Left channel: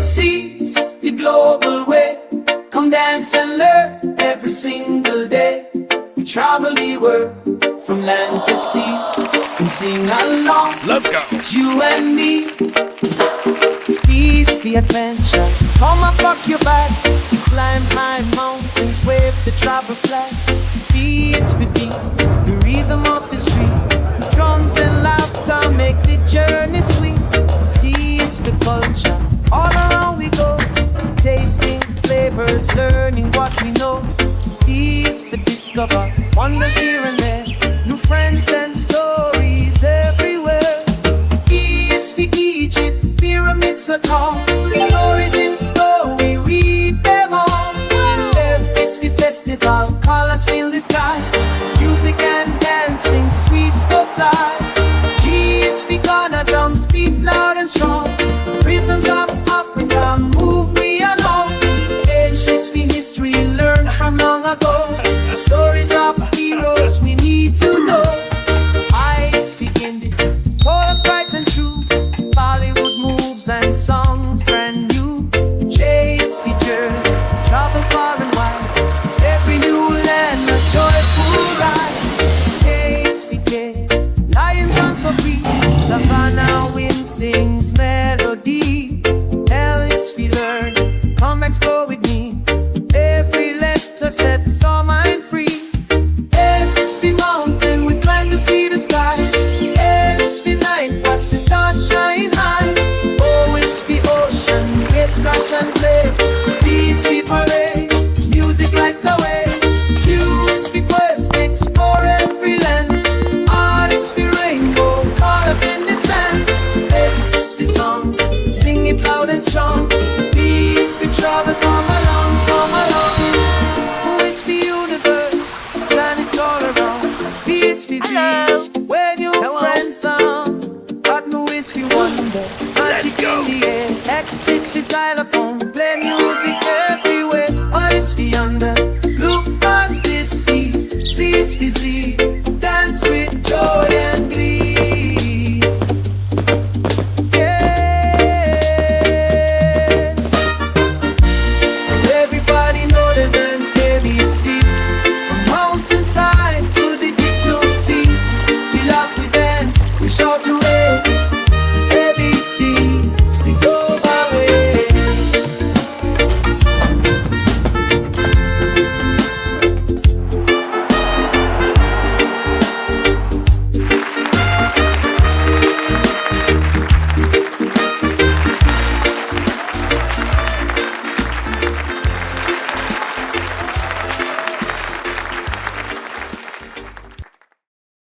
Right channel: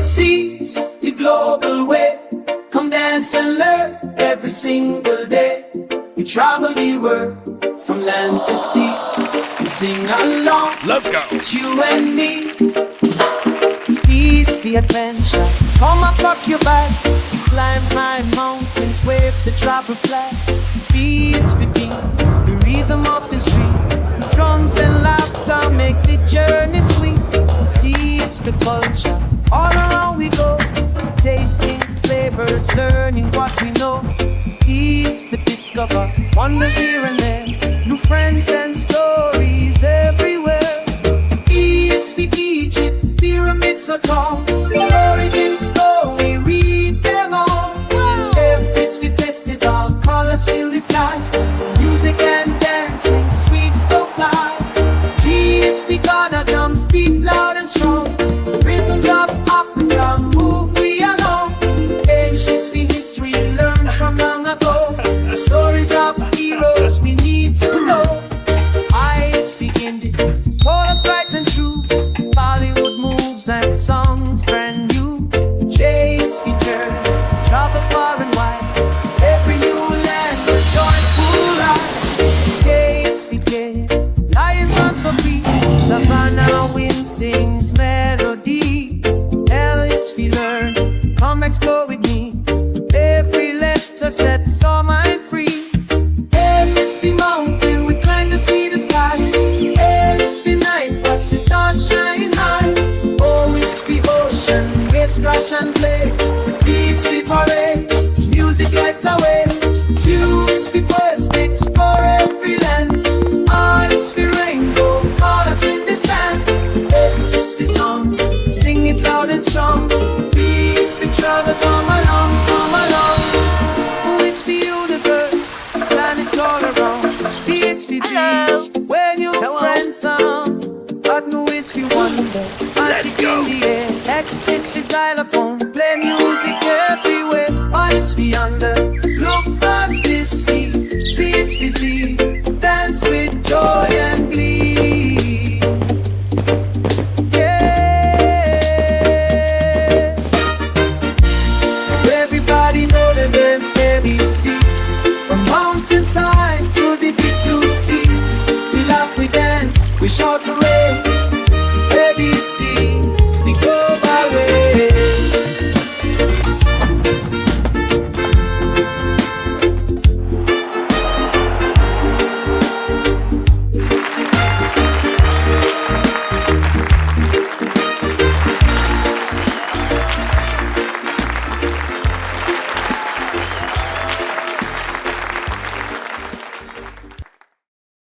This is the global way. Come dance and learn every single day. We travel the world from land to sea and sing along. Let's go. It's you and me. Peace for adventure. Come up, rock your back. We climb high mountains, wave the travel flag. Peace for beat, the rhythm of the street. Drums and laughter make the journey sweet. Seas for culture, all around we go. Tasting flavors, learning what we know. Peace for discover, wonders here and there. New friends and stories everywhere. Peace for Egypt, pyramids are tall. Stories in stone, we read them all. Wow! F is for festival, colors fill the sky. Music and dancing, sweet stuff fly. G is for Ghana, drums beat loud and strong. Rhythms of Africa, move we along. H is for history, learn from long ago. Stories of heroes we need to know. I is for indie, chorus bright and true. Bollywood moves and songs brand new. J is for journey, travel far and wide. Every new land a joyful ride. K is for gay, lions run so free. Savannah wind sings melody. L is for learn, come explore with me. Every letter sets our mind free. M is for mountain, we climb to see the sky. L is for night, watch the stars shine high. O is for ocean, waves crash and play. P is for parade, music lights away. U is for quest, explore every land. R is for rainbow, colors in the sand. S is for song, sing it loud and strong. P is for travel, come along, come along. Who is for universe, planets all around. V is for beach, where new friends are. Adnu is for wonder, magic in the air. X is for xylophone, play music everywhere. R is for yonder, look past this sea. Z is for Z, dance with joy and glee.